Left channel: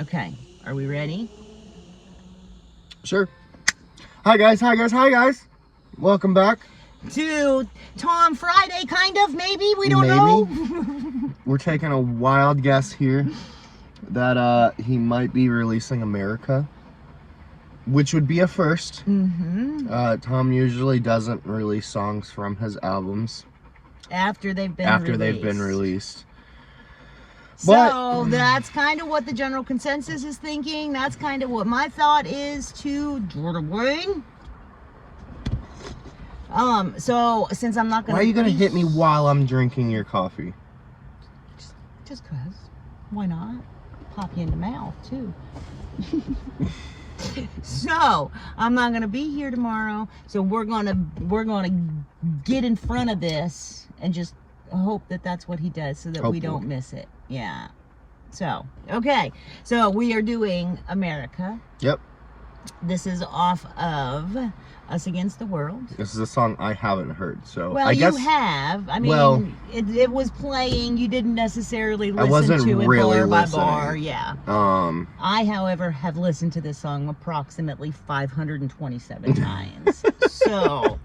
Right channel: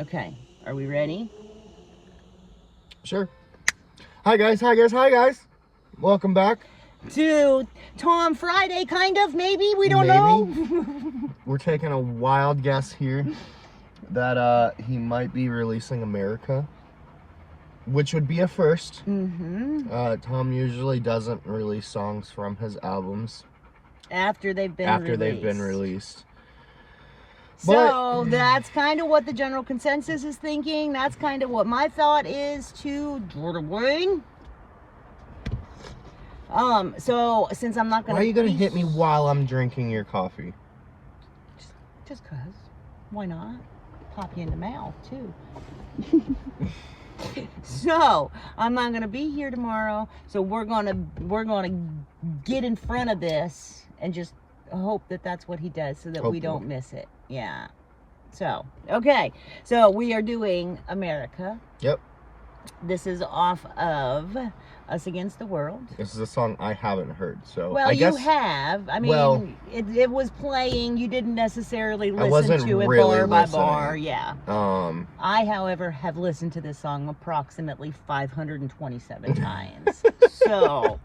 Okay, are we ready? Sure. Hi guys. Welcome back to Tom Friday, kind of, maybe, we don't know. We're taking a wild guess here that he might be releasing America, which would be a first. Tom usually doesn't release songs from his albums after they've been released. So that's kind of what the general consensus is thinking. That's kind of what my thought is to Jordan Wayne. So since I'm not gonna... Why are you gonna hit me while I'm drinking your coffee? Just cause. Why not? Pop you in the mouth too. So I'm not gonna be here tomorrow. So we're gonna get in front of this and just hope that that's what he does, so that we don't miss it. Yeah. So okay. So we are doing America. Yep. This is off of Us Against the World. This is a song I haven't heard, so well, I guess you have. I mean, well, it was playing. You didn't necessarily listen I wasn't to it really bar by bar. Yeah. I, however, have listened to this song approximately 527 times. So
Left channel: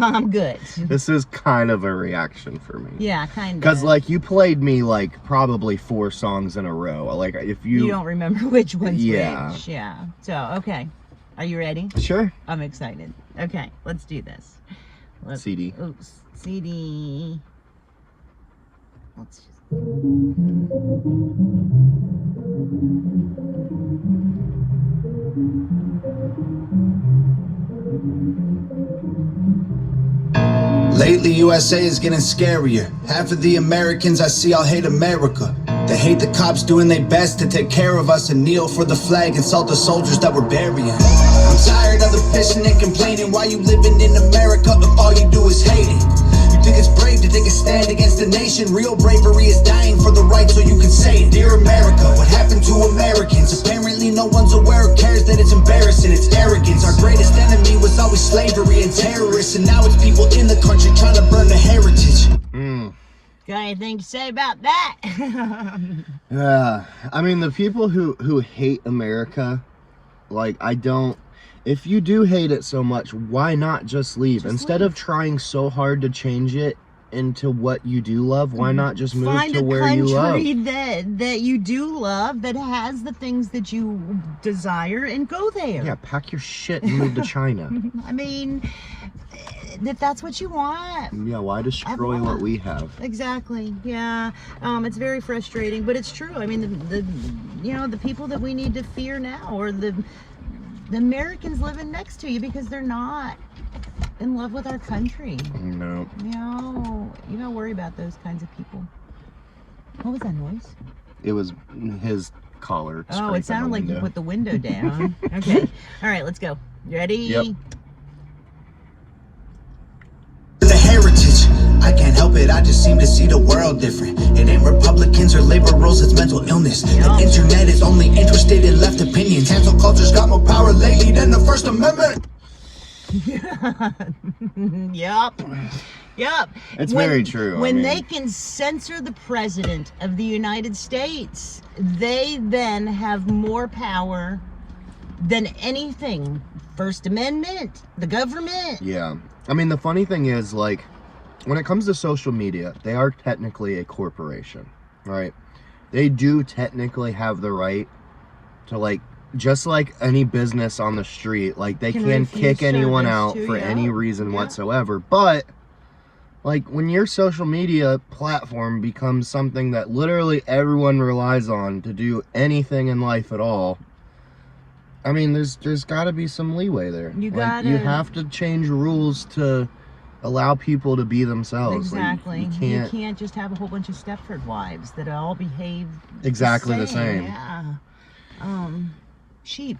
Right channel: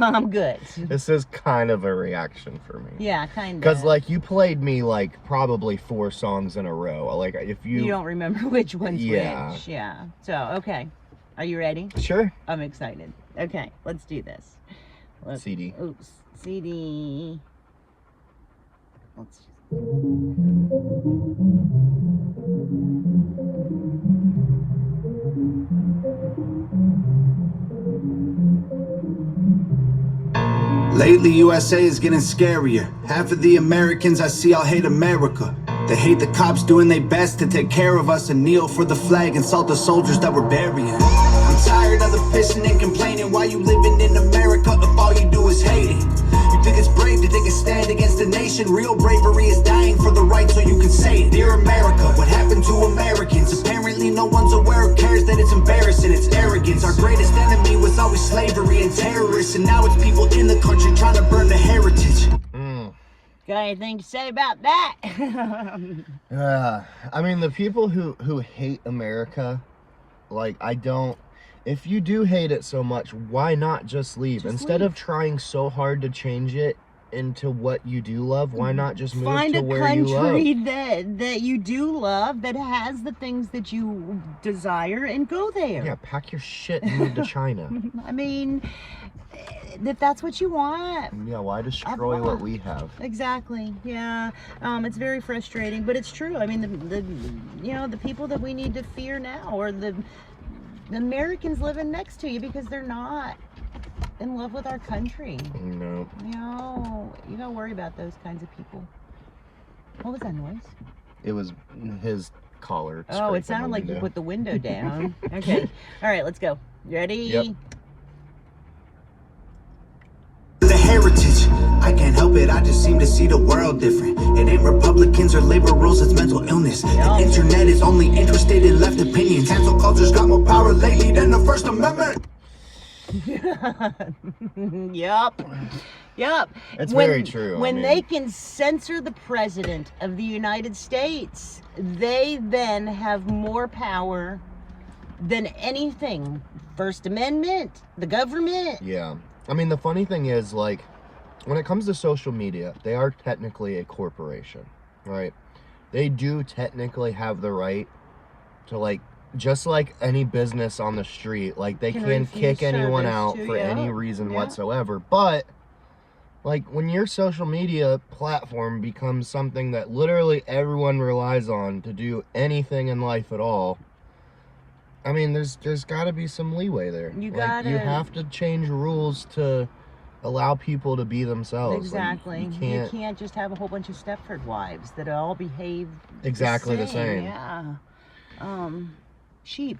I'm good. This is kind of a reaction for me. Yeah, kind of. Because like you played me like probably 4 songs in a row. Like if you don't remember which one's which. Yeah. So okay. Are you ready? Sure. I'm excited. Okay, let's do this. CD. Oops, CD. Let's just... Lately, USA is getting scarier. Half of the Americans I see all hate America. They hate the cops doing their best to take care of us and kneel for the flag and salt the soldiers that we're burying. I'm tired of the pissing and complaining. Why you living in America if all you do is hating? You think it's brave to take a stand against the nation? Real bravery is dying for the right so you can say it. Dear America, what happened to Americans? Apparently no one's aware or cares that it's embarrassing. It's arrogance. Our greatest enemy was always slavery and terrorists, and now it's people in the country trying to burn the heritage. Got anything to say about that? Yeah, I mean the people who hate America, like I don't. If you do hate it so much, why not just leave? Instead of trying so hard to change it into what you do love, why not just move to where you love? Find a country that you do love, that has the things that you desire, and go there. Yeah, pack your shit and move to China. I mean, if that's what you want. Yeah, why destroy what we have? Exactly. Yeah. It's very frustrating, but it's true. I mean, the people that we need to fear now are the Americans living next to you, because they're not in love with our country. No. You don't worry about those kinds of people. What was that noise? It was his collar. Oh, it sounded like you put the window down. Okay. All right, let's go. Ready? Yep. The heritage, I can't help it, I just seem to see the world different. It ain't Republicans or liberals, it's mental illness. The internet is only interested in left opinions. Cancel culture's got more power lately than the First Amendment. Yep. It's very true. When they can censor the president of the United States, they then have more power than anything. First Amendment, the government. Yeah. I mean, the funny thing is, like, when it comes to social media, they are technically a corporation, right? They do technically have the right to, like, just like any business on the street, like, they can kick anyone out for any reason whatsoever. But, like, when your social media platform becomes something that literally everyone relies on to do anything in life at all, I mean, there's got to be some leeway there. You have to change rules to allow people to be themselves. Exactly. Like, you can't just have a whole bunch of Stepford wives that all behave exactly the same. Yeah. Sheep.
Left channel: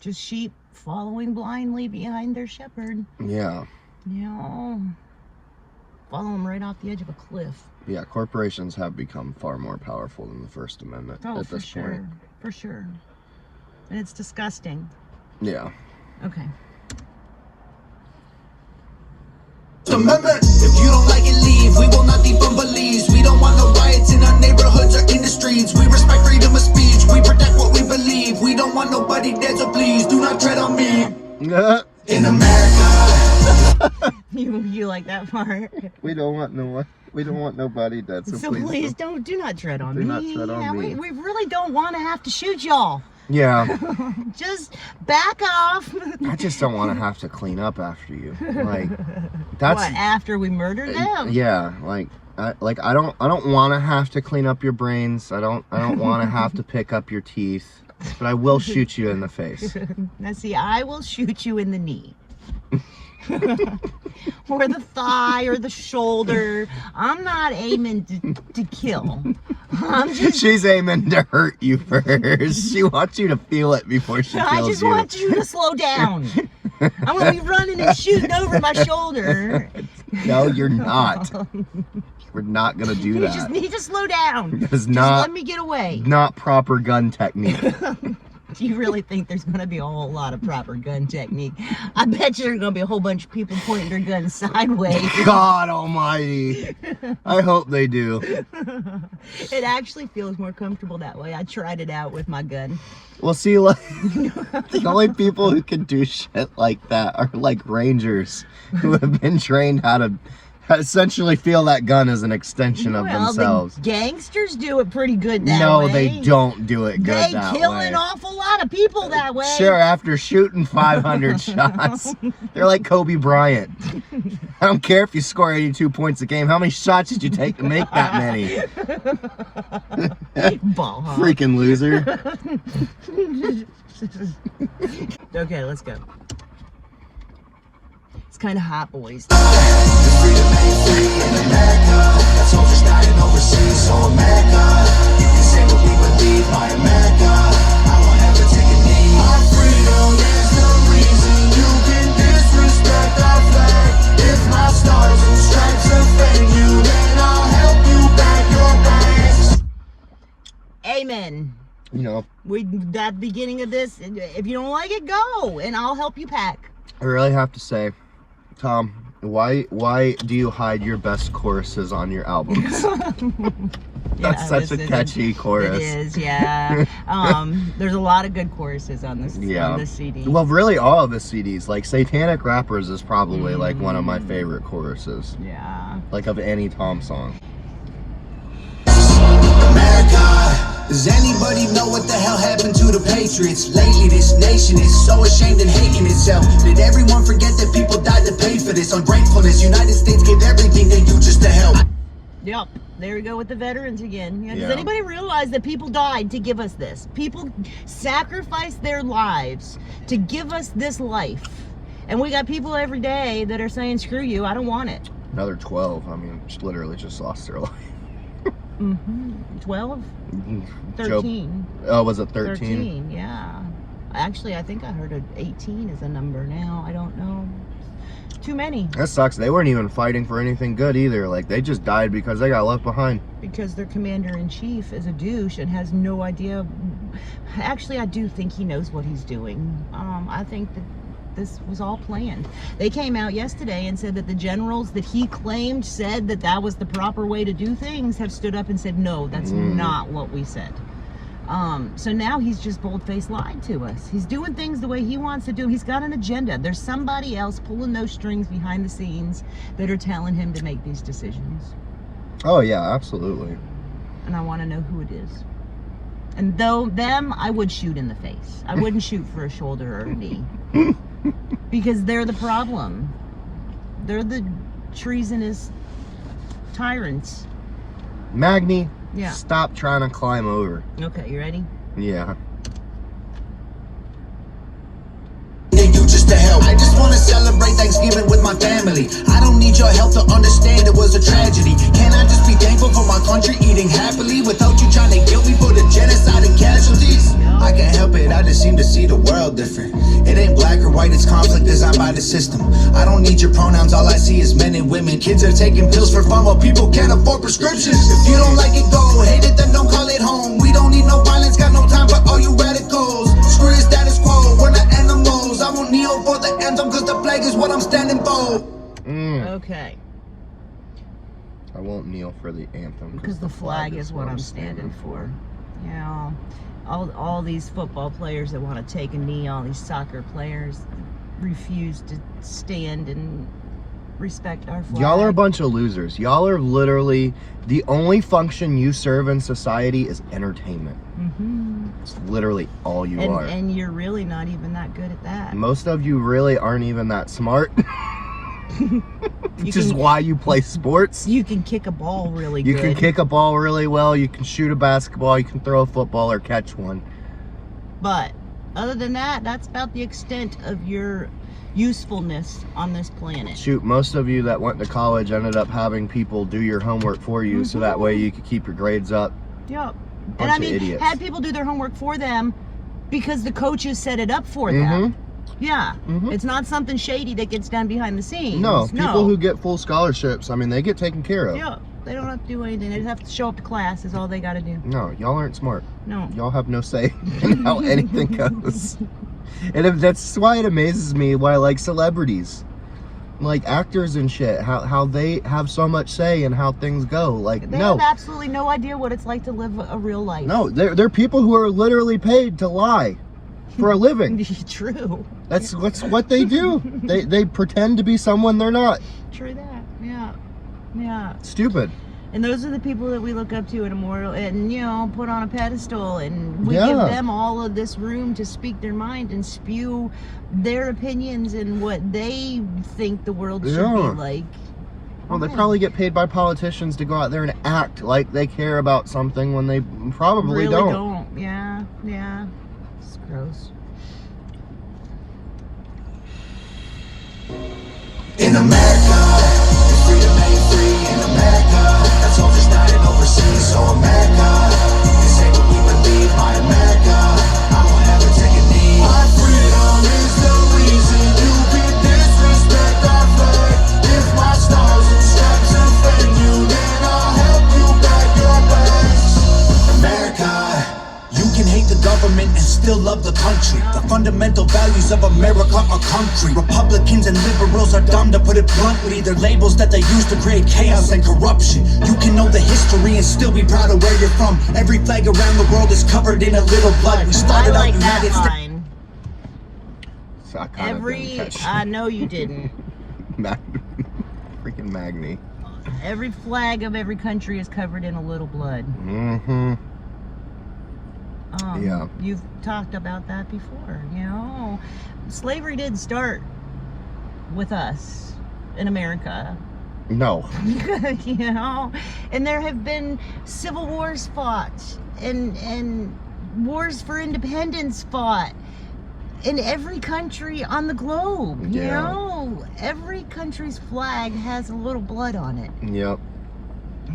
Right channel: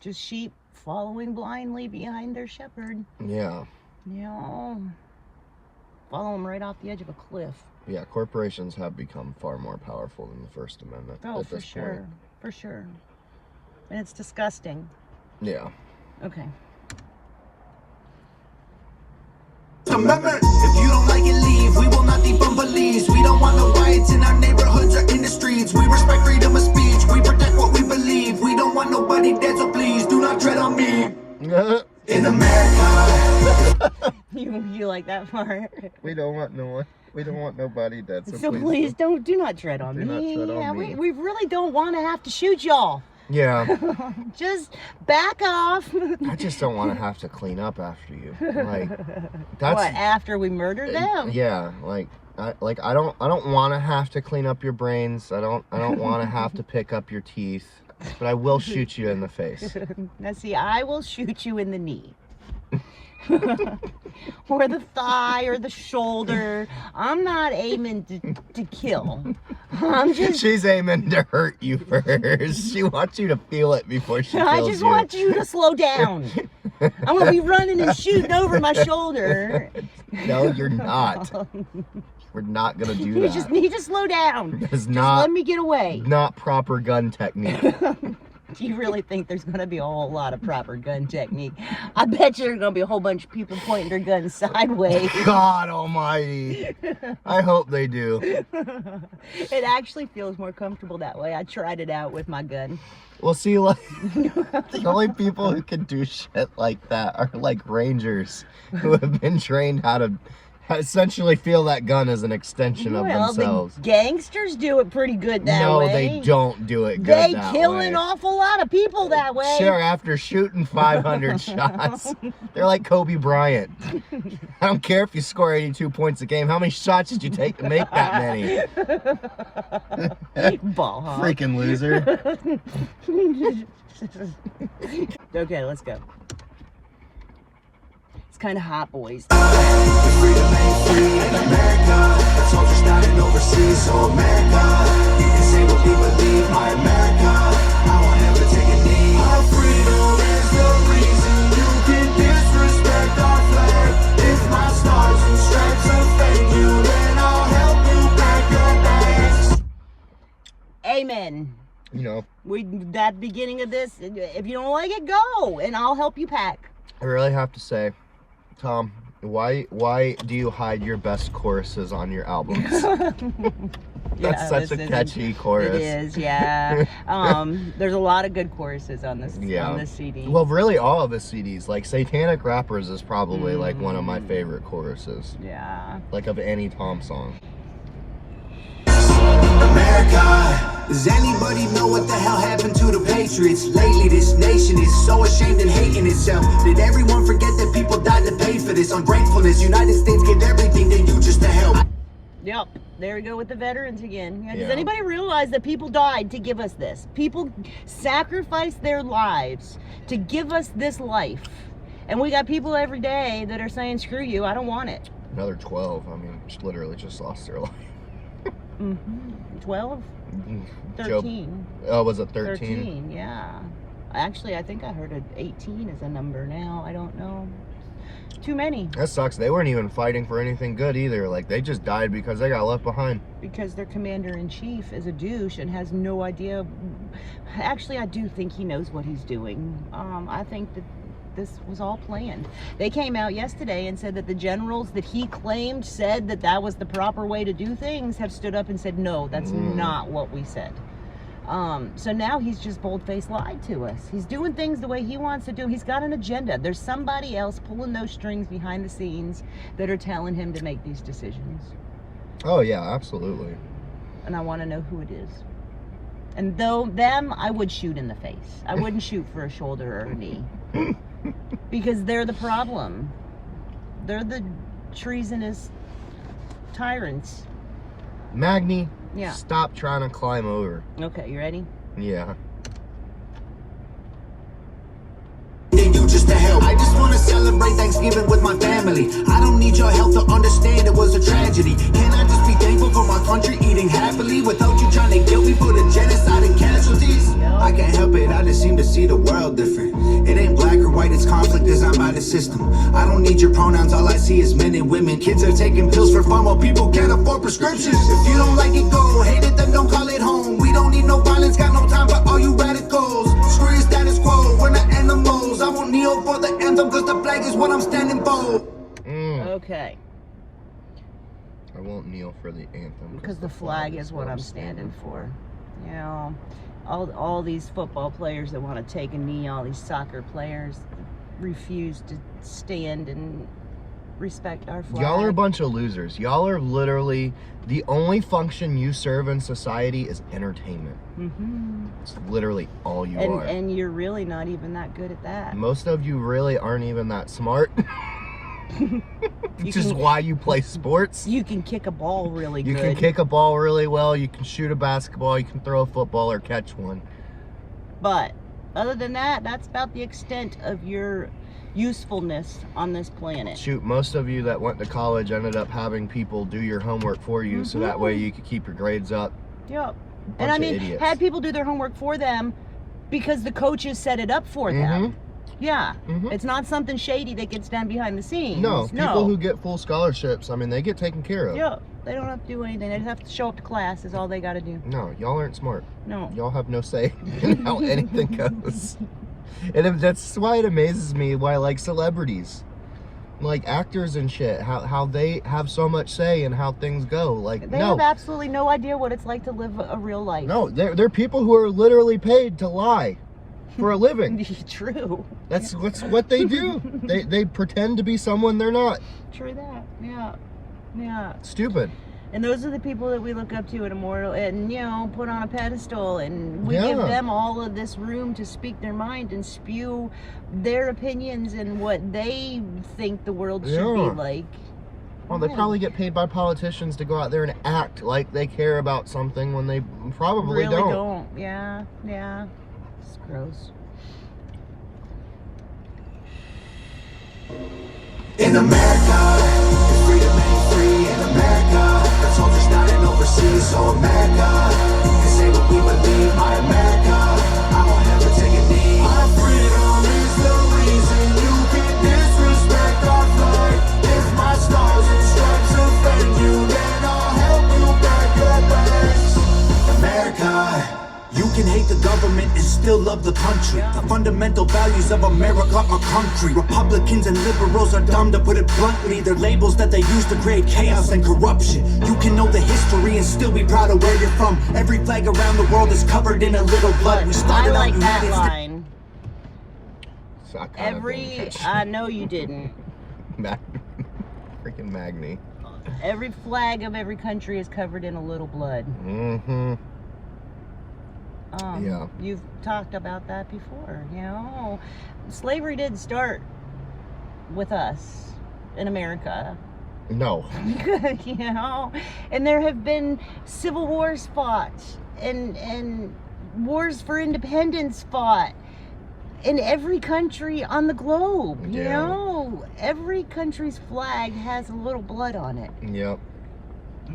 Just sheep following blindly behind their shepherd. Yeah. Follow them right off the edge of a cliff. Yeah, corporations have become far more powerful than the First Amendment at this point. For sure. And it's disgusting. Yeah. Okay. Amendment. If you don't like it, leave. We will not defund police. We don't want no riots in our neighborhoods or in the streets. We respect freedom of speech. We protect what we believe. In America. You like that part? We don't want nobody dead. So please do not tread on me. Do not tread on me. We really don't want to have to shoot y'all. Yeah. Just back off. I just don't want to have to clean up after you. Like that's what, after we murdered them? Yeah, I don't want to have to clean up your brains. I don't want to have to pick up your teeth, but I will shoot you in the face. Now see, I will shoot you in the knee. Or the thigh or the shoulder. I'm not aiming to kill. She's aiming to hurt you first. She wants you to feel it before she kills you. I just want you to slow down. I want to be running and shooting over my shoulder. No, you're not. We're not gonna do that. You just need to slow down. Just let me get away. Not proper gun technique. Do you really think there's going to be a whole lot of proper gun technique? I bet you there's going to be a whole bunch of people pointing their guns sideways. God almighty. I hope they do. It actually feels more comfortable that way. I tried it out with my gun. Well, see, like, the only people who can do shit like that are like rangers who have been trained how to essentially feel that gun as an extension of themselves. The gangsters do it pretty good that way. No, they don't do it good that way. They kill an awful lot of people that way. Sure, after shooting 500 shots. They're like Kobe Bryant. I don't care if you score 82 points a game. How many shots did you take to make that many? Ball hog. Freaking loser. Okay, let's go. It's kind of hot, boys. Freedom ain't free in America. Soldiers dying overseas, so America, you can say what we believe. My America, I won't ever take a knee. Our freedom is the reason you can disrespect our flag. If my stars and stripes offend you, then I'll help you back your bags. Amen. You know, that beginning of this, if you don't like it, go, and I'll help you pack. I really have to say, Tom, why do you hide your best choruses on your albums? That's such a catchy chorus. It is, yeah. There's a lot of good choruses on this CD. Well, really all of the CDs. Like Satanic Rappers is probably like one of my favorite choruses. Yeah. Like of any Tom song. America. Does anybody know what the hell happened to the Patriots? Lately this nation is so ashamed and hating itself. Did everyone forget that people died to pay for this? Ungratefulness, United States gave everything they do just to help. Yep, there we go with the veterans again. Yeah, does anybody realize that people died to give us this? People sacrificed their lives to give us this life. And we got people every day that are saying, screw you, I don't want it. Another 12, I mean, literally just lost their life. 12? 13. Oh, was it 13? 13, yeah. Actually, I think I heard 18 is a number now. I don't know. Too many. That sucks. They weren't even fighting for anything good either. Like, they just died because they got left behind. Because their commander-in-chief is a douche and has no idea. Actually, I do think he knows what he's doing. I think that this was all planned. They came out yesterday and said that the generals that he claimed said that that was the proper way to do things have stood up and said, no, that's not what we said. So now he's just bold-faced lied to us. He's doing things the way he wants to do them. He's got an agenda. There's somebody else pulling those strings behind the scenes that are telling him to make these decisions. Oh, yeah, absolutely. And I want to know who it is. And them, I would shoot in the face. I wouldn't shoot for a shoulder or a knee. Because they're the problem. They're the treasonous tyrants. Magni, yeah. Stop trying to climb over. Okay, you ready? Yeah. They do just to help. I just want to celebrate Thanksgiving with my family. I don't need your help to understand it was a tragedy. Can I just be thankful for my country eating happily without you trying to guilt me for the genocide and casualties? I can't help it, I just seem to see the world different. It ain't black or white, it's conflict designed by the system. I don't need your pronouns, all I see is men and women. Kids are taking pills for fun while people can't afford prescriptions. If you don't like it, go. Hate it, then don't call it home. We don't need no violence, got no time for all you radicals. Screw the status quo, we're not animals. I won't kneel for the anthem, cause the flag is what I'm standing for. Okay. I won't kneel for the anthem. Because the flag is what I'm standing for. You know, all these football players that want to take a knee, all these soccer players, refuse to stand and respect our flag. Y'all are a bunch of losers. Y'all are literally, the only function you serve in society is entertainment. It's literally all you are. And you're really not even that good at that. Most of you really aren't even that smart. Which is why you play sports. You can kick a ball really good. You can kick a ball really well. You can shoot a basketball. You can throw a football or catch one. But other than that, that's about the extent of your usefulness on this planet. Shoot, most of you that went to college ended up having people do your homework for you, so that way you could keep your grades up. Yep. And I mean, idiots. had people do their homework for them because the coaches set it up for them. Yeah. It's not something shady that gets done behind the scenes. No, people who get full scholarships, I mean, they get taken care of. Yeah. They don't have to do anything. They just have to show up to class is all they got to do. No, y'all aren't smart. No. Y'all have no say in how anything goes. And that's why it amazes me why, like, celebrities, like actors and shit, how they have so much say in how things go. Like, they have absolutely no idea what it's like to live a real life. No, they're people who are literally paid to lie for a living. True. That's what they do. They pretend to be someone they're not. True that. Yeah. Yeah. Stupid. And those are the people that we look up to and immortal and, you know, put on a pedestal, and we give them all of this room to speak their mind and spew their opinions and what they think the world should be like. Well, they probably get paid by politicians to go out there and act like they care about something when they probably really don't. Yeah, yeah. It's gross. In America, the freedom ain't free in America. Got soldiers dying overseas, so America, you can say what we believe, my America, I won't ever take a knee. Our freedom is the reason you can disrespect our flag. If my stars and stripes offend you, then I'll help you back your bags. America, you can hate the government and still love the country. The fundamental values of America are concrete. Republicans and liberals are dumb, to put it bluntly. They're labels that they use to create chaos and corruption. You can know the history and still be proud of where you're from. Every flag around the world is covered in a little blood. We started out United States. I know you didn't. Freaking Magni. Every flag of every country is covered in a little blood. Yeah. You've talked about that before, you know. Slavery didn't start with us in America. No. You know, and there have been civil wars fought and wars for independence fought in every country on the globe. You know, every country's flag has a little blood on it. Yep.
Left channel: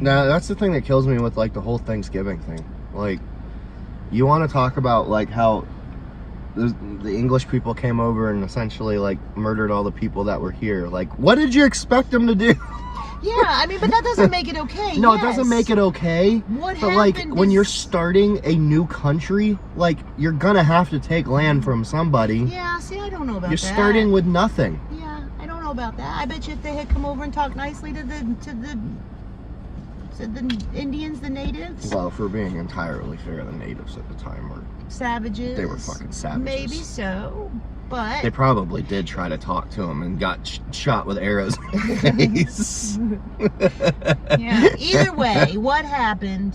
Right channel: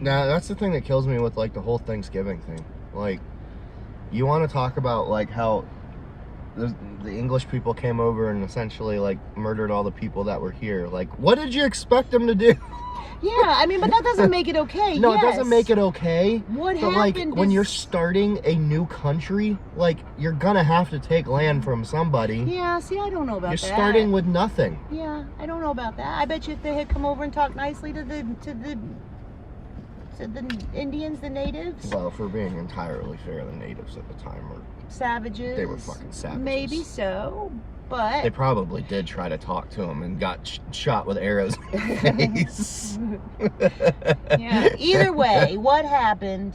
Now, that's the thing that kills me with, like, the whole Thanksgiving thing. Like, you want to talk about, like, how the English people came over and essentially, like, murdered all the people that were here. Like, what did you expect them to do? Yeah, I mean, but that doesn't make it okay. No, it doesn't make it okay. What but, like, when you're starting a new country, like, you're gonna have to take land from somebody. Yeah, see, I don't know about that. You're starting with nothing. Yeah, I don't know about that. I bet you if they had come over and talked nicely to the Indians, the natives. Well, if we're being entirely fair, the natives at the time were savages. They were fucking savages. Maybe so, but they probably did try to talk to him and got shot with arrows in the face. Yeah. Either way, what happened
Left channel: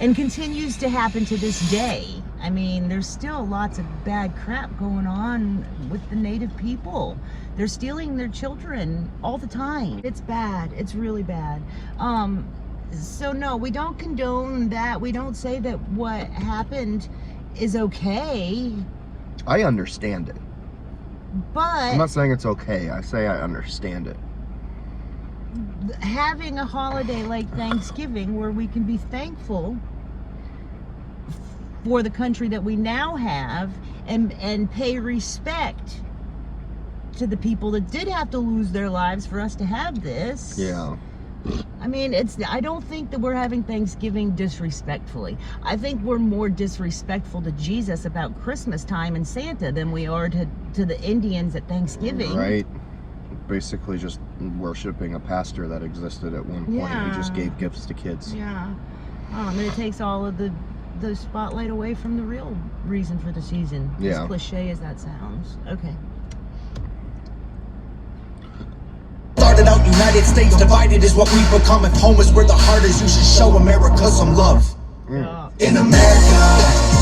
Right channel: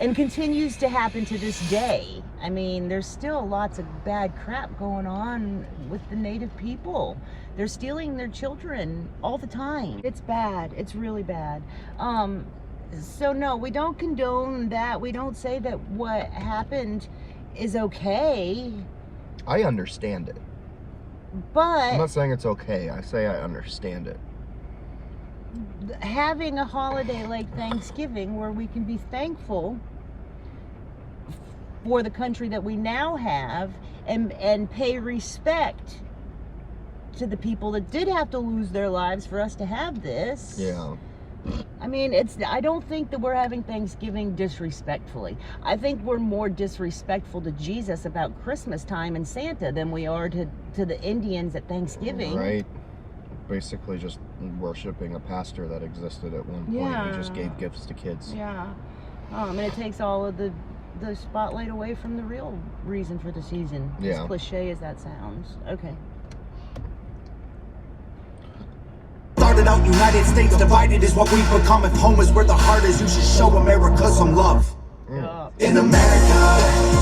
and continues to happen to this day. I mean, there's still lots of bad crap going on with the native people. They're stealing their children all the time. It's bad. It's really bad. So no, we don't condone that. We don't say that what happened is okay. I understand it. But I'm not saying it's okay. I say I understand it. Having a holiday like Thanksgiving where we can be thankful for the country that we now have and pay respect to the people that did have to lose their lives for us to have this. Yeah. I mean, I don't think that we're having Thanksgiving disrespectfully. I think we're more disrespectful to Jesus about Christmas time and Santa than we are to the Indians at Thanksgiving. Right. Basically just worshiping a pastor that existed at one point. Yeah. He just gave gifts to kids. Yeah. And it takes all of the spotlight away from the real reason for the season. Yeah. As cliche as that sounds. Okay. United States divided is what we've become. If home is where the heart is, you should show America some love. In America,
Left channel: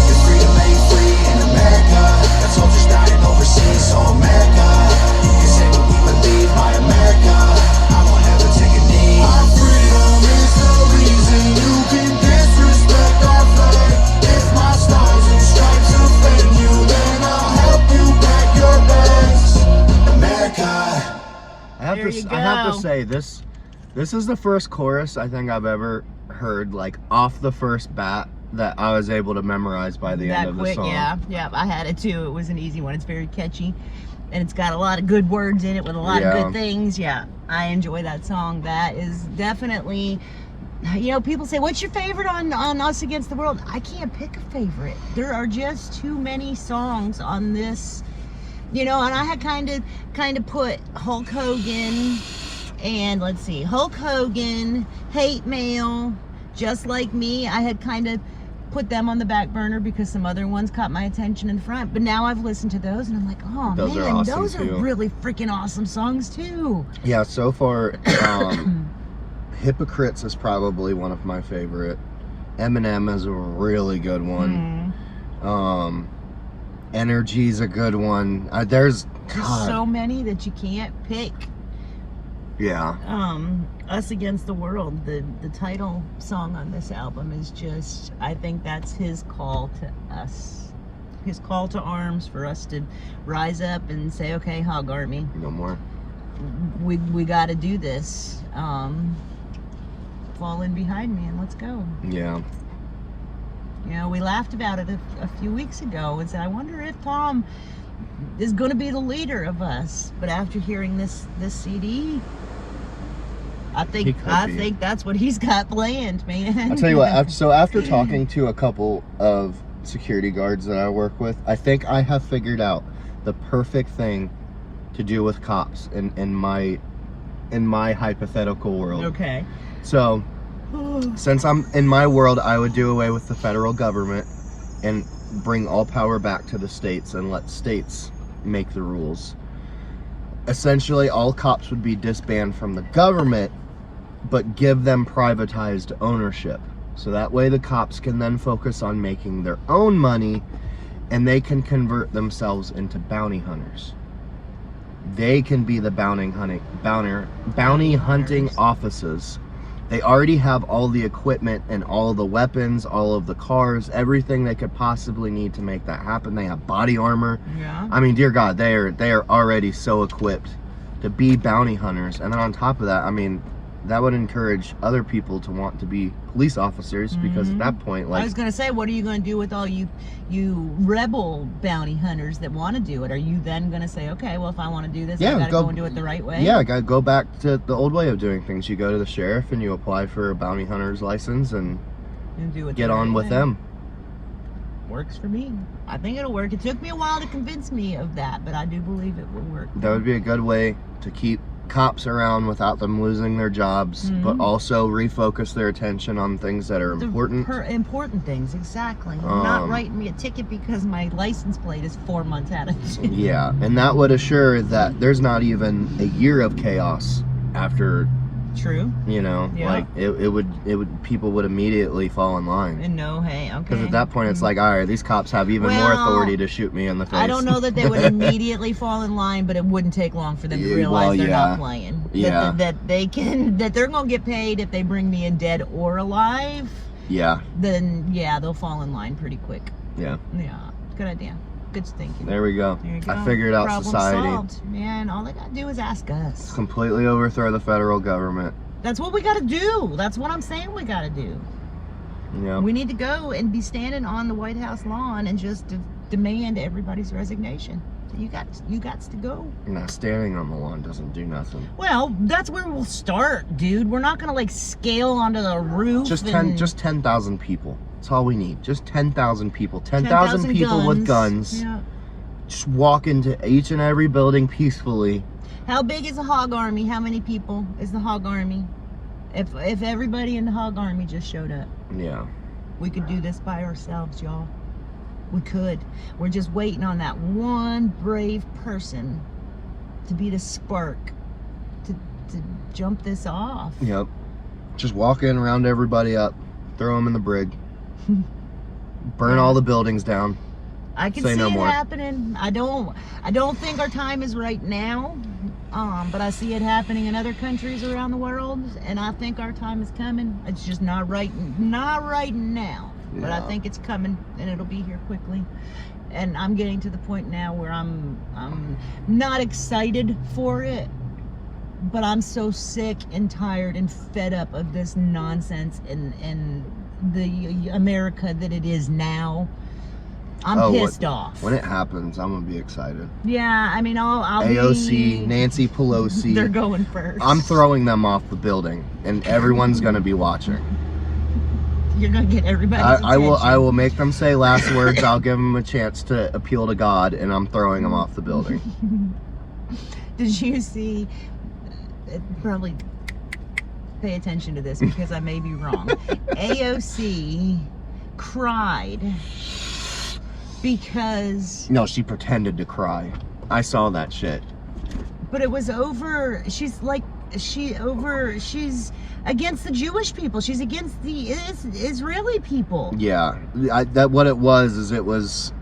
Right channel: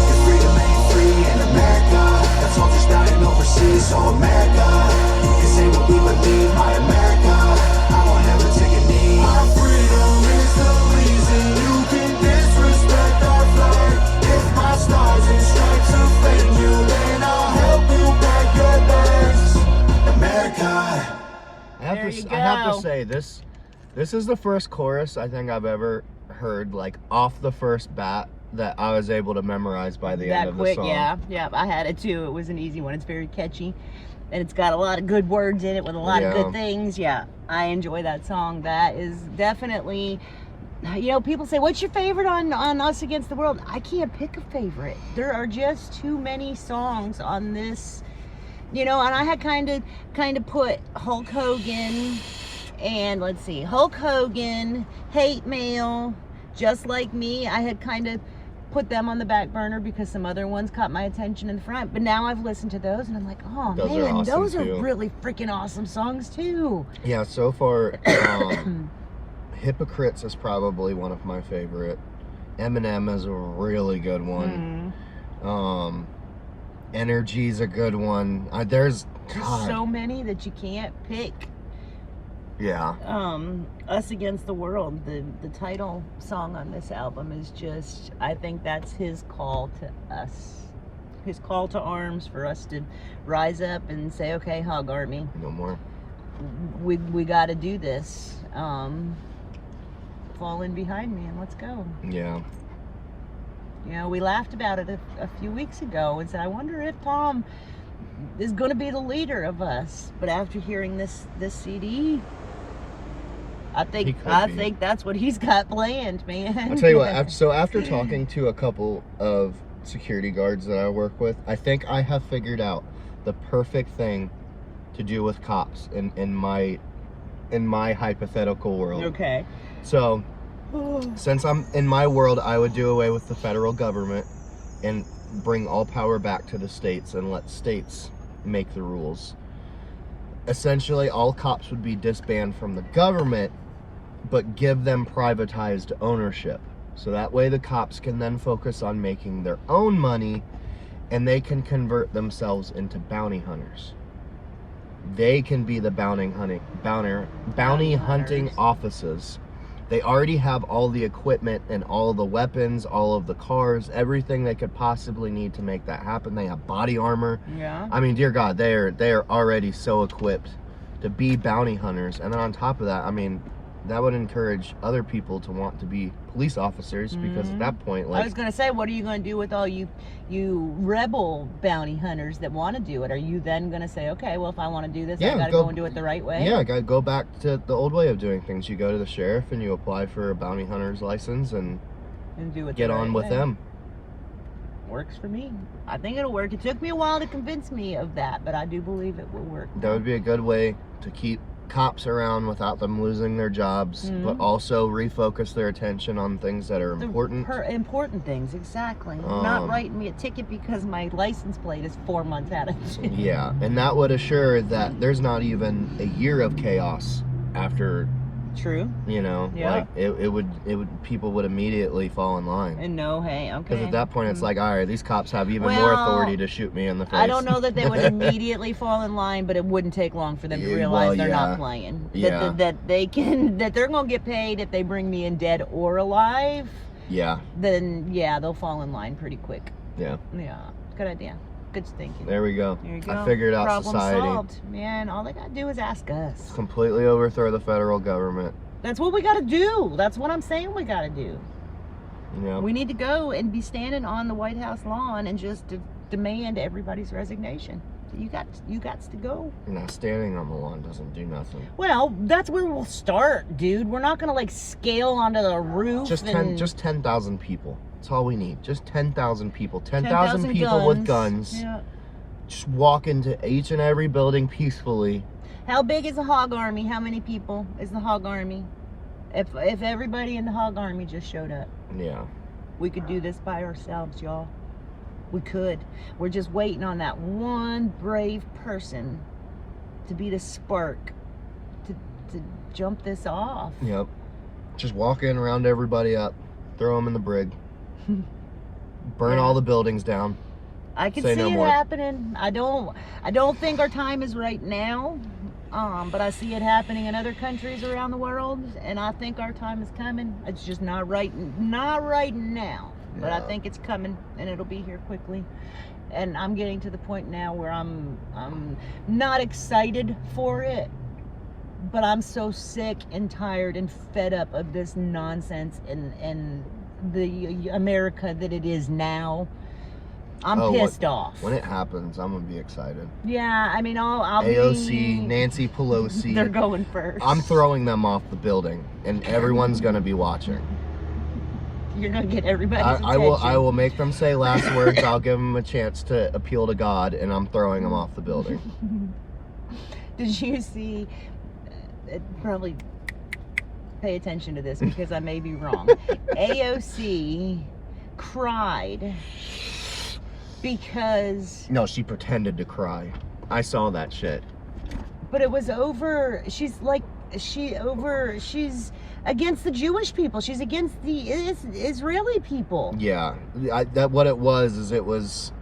your freedom ain't free. In America, got soldiers dying overseas. So America, you can say what we believe. My America, I won't ever take a knee. My freedom is the reason you can disrespect our flag. If my stars and stripes offend you, then I'll help you pack your bags. America. I have to say this is the first chorus I think I've ever heard like off the first bat that I was able to memorize by the end of the song. Yeah, I had it too. It was an easy one. It's very catchy, and it's got a lot of good words in it with a lot of good things. Yeah, I enjoy that song. That is definitely, you know, people say, what's your favorite on Us Against the World? I can't pick a favorite. There are just too many songs on this, you know, and I had kind of put Hulk Hogan and let's see, Hulk Hogan, Hate Mail, Just Like Me. I had kind of put them on the back burner because some other ones caught my attention in front. But now I've listened to those and I'm like, oh those man, are awesome those are too. really freaking awesome songs too. Yeah, so far, Hypocrites is probably one of my favorite. Eminem is a really good one. Energy's a good one. There's so many that you can't pick. Yeah. Us Against the World, the title song on this album is just, I think that's his call to us. His call to arms for us to rise up and say, okay, Hog Army. No more. We got to do this. Fall in behind me and let's go. Yeah. You know, we laughed about it a few weeks ago and said, I wonder if Tom is going to be the leader of us. But after hearing this CD, I think that's what he's got planned, man. I'll tell you what, after talking to a couple of security guards that I work with, I think I have figured out the perfect thing to do with cops in my hypothetical world. Okay. So, since I'm in my world, I would do away with the federal government and bring all power back to the states and let states make the rules. Essentially, all cops would be disbanded from the government, but give them privatized ownership. So that way the cops can then focus on making their own money and they can convert themselves into bounty hunters. They can be the bounty hunting officers. They already have all the equipment and all the weapons, all of the cars, everything they could possibly need to make that happen. They have body armor. Yeah. I mean, dear God, they are already so equipped to be bounty hunters. And then on top of that, I mean, that would encourage other people to want to be police officers because at that point, like, I was gonna say, what are you gonna do with all you rebel bounty hunters that want to do it? Are you then gonna say, okay, well, if I want to do this, I gotta go and do it the right way? Yeah, I gotta go back to the old way of doing things. You go to the sheriff and you apply for a bounty hunter's license and do it get on with them. Works for me. I think it'll work. It took me a while to convince me of that, but I do believe it will work. That would be a good way to keep cops around without them losing their jobs, but also refocus their attention on things that are important. Important things, exactly. Not writing me a ticket because my license plate is 4 months out of date. Yeah, and that would assure that there's not even a year of chaos after. True. You know, like it would people would immediately fall in line. And no, hey, okay. Because at that point, it's like, all right, these cops have even more authority to shoot me in the face. I don't know that they would immediately fall in line, but it wouldn't take long for them to realize they're not playing. Yeah. That they're gonna get paid if they bring me in dead or alive. Yeah. Then yeah, they'll fall in line pretty quick. Yeah. Yeah. Good idea. Good thinking. There we go. There you go. I figured out Problem society. solved. Man, all they gotta do is ask us. Completely overthrow the federal government. That's what we gotta do. That's what I'm saying we gotta do. Yeah. We need to go and be standing on the White House lawn and just demand everybody's resignation. You got to go. Nah, standing on the lawn doesn't do nothing. Well, that's where we'll start, dude. We're not gonna like scale onto the roof. Just 10,000 people. That's all we need. Just 10,000 people. 10,000 people with guns. Yeah. Just walk into each and every building peacefully. How big is the Hog Army? How many people is the Hog Army? If everybody in the Hog Army just showed up, Yeah. we could do this by ourselves, y'all. We could. We're just waiting on that one brave person to be the spark to jump this off. Yep. Just walk in, round everybody up, throw them in the brig, burn all the buildings down. I can Say see no it more. happening. I don't think our time is right now, but I see it happening in other countries around the world, and I think our time is coming. It's just not right now. But I Yeah. think it's coming, and it'll be here quickly. And I'm getting to the point now where I'm not excited for it, but I'm so sick and tired and fed up of this nonsense and the America that it is now. I'm pissed off. When it happens, I'm gonna be excited. Yeah, I mean, I'll AOC, be... Nancy Pelosi. They're going first. I'm throwing them off the building, and everyone's gonna be watching. You're gonna get everybody's attention. I will make them say last words. I'll give them a chance to appeal to God, and I'm throwing them off the building. Did you see? Probably pay attention to this because I may be wrong. AOC cried because... No, she pretended to cry. I saw that shit. But it was over. She's against the Jewish people. She's against the Israeli people. Yeah, what it was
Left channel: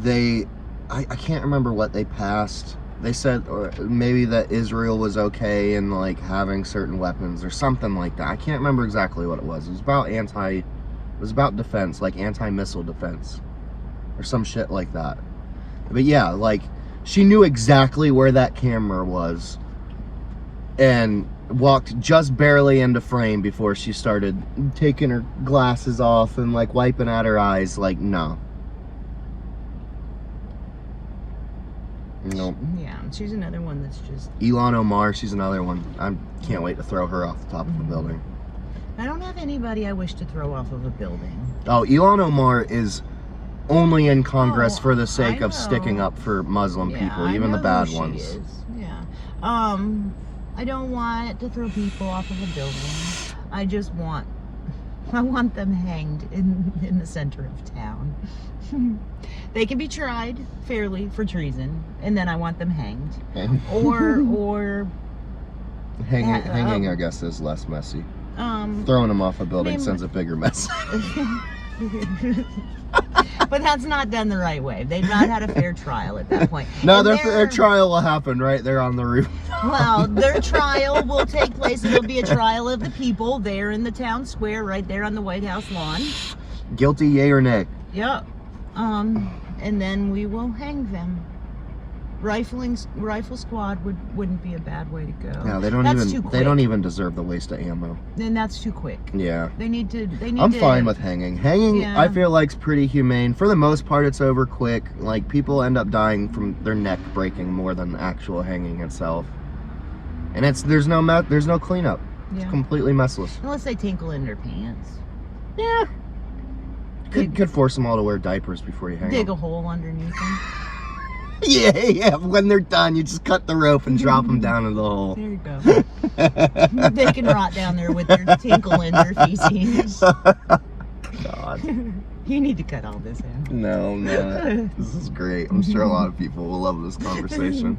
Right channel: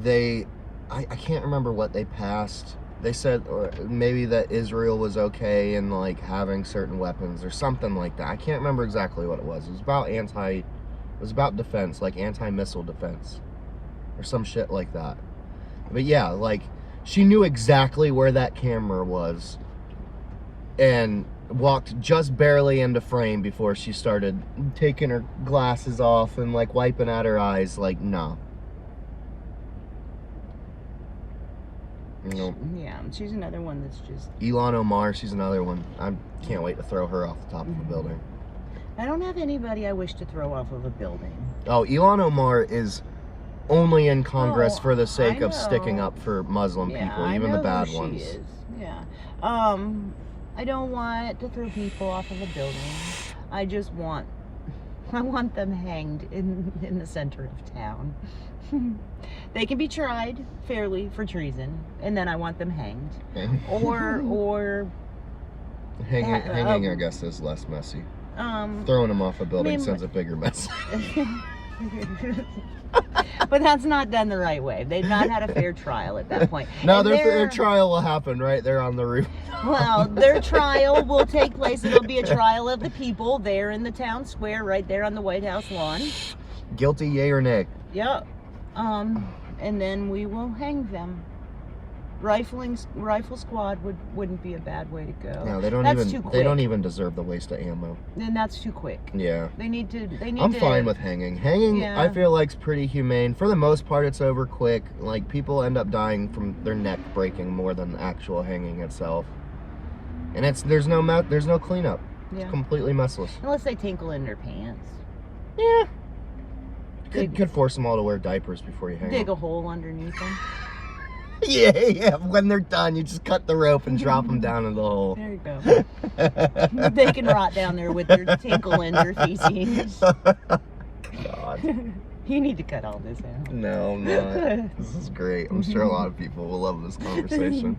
they, I can't remember what they passed. They said or maybe that Israel was okay in like having certain weapons or something like that. I can't remember exactly what it was. It was about defense, like anti-missile defense or some shit like that. But yeah, like she knew exactly where that camera was and walked just barely into frame before she started taking her glasses off and like wiping at her eyes. Like, no. No. Yeah, she's another one that's just... Elon Omar, she's another one. I can't wait to throw her off the top of the building. I don't have anybody I wish to throw off of a building. Oh, Elon Omar is only in Congress for the sake I of sticking know. up for Muslim Yeah, people, I even the know bad who she ones. is. Yeah. I don't want to throw people off of a building. I want them hanged in the center of town. They can be tried fairly for treason, and then I want them hanged. Or Hanging, I guess, is less messy. Throwing them off a building sends a bigger mess. But that's not done the right way. They've not had a fair trial at that point. No, And their trial will happen right there on the roof. Well, their trial will take place. It'll be a trial of the people there in the town square, right there on the White House lawn. Guilty, yay or nay? Yep. And then we will hang them. Rifle squad wouldn't be a bad way to go. No, they don't even deserve the waste of ammo. Then that's too quick. Yeah. I'm fine with hanging. Hanging, Yeah. I feel like, is pretty humane. For the most part, it's over quick. Like, people end up dying from their neck breaking more than the actual hanging itself. And there's no cleanup. Yeah. It's completely messless. Unless they tinkle in their pants. Yeah. Could force them all to wear diapers before you hang Dig them. a hole underneath them. Yeah. When they're done, you just cut the rope and drop them down in the hole. There you go. They can rot down there with their tinkle in their feces. God. You need to cut all this out. No, I'm not. This is great. I'm sure a lot of people will love this conversation.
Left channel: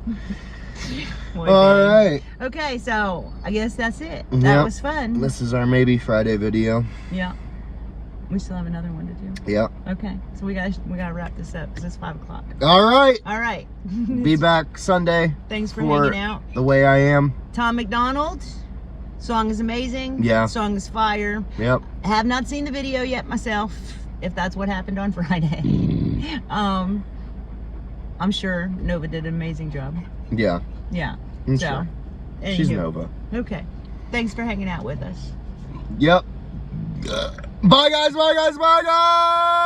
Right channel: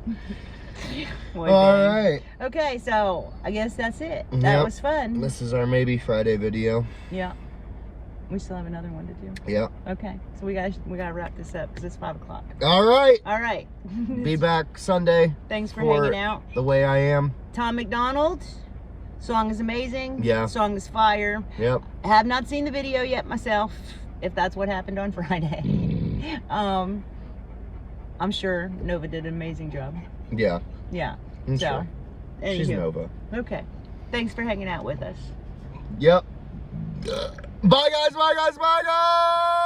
All right. Okay, so I guess that's it. That Yep. was fun. This is our Maybe Friday video. Yeah. We still have another one to do. Yeah. Okay, so we gotta wrap this up because it's 5 o'clock. All right. All right. Be back Sunday. Thanks for hanging out. The Way I Am. Tom Macdonald. Song is amazing. Yeah. Song is fire. Yep. I have not seen the video yet myself, if that's what happened on Friday. I'm sure Nova did an amazing job. Yeah. Yeah. I'm So, sure. She's anywho. Nova. Okay. Thanks for hanging out with us. Yep. Bye guys. Bye guys. Bye guys.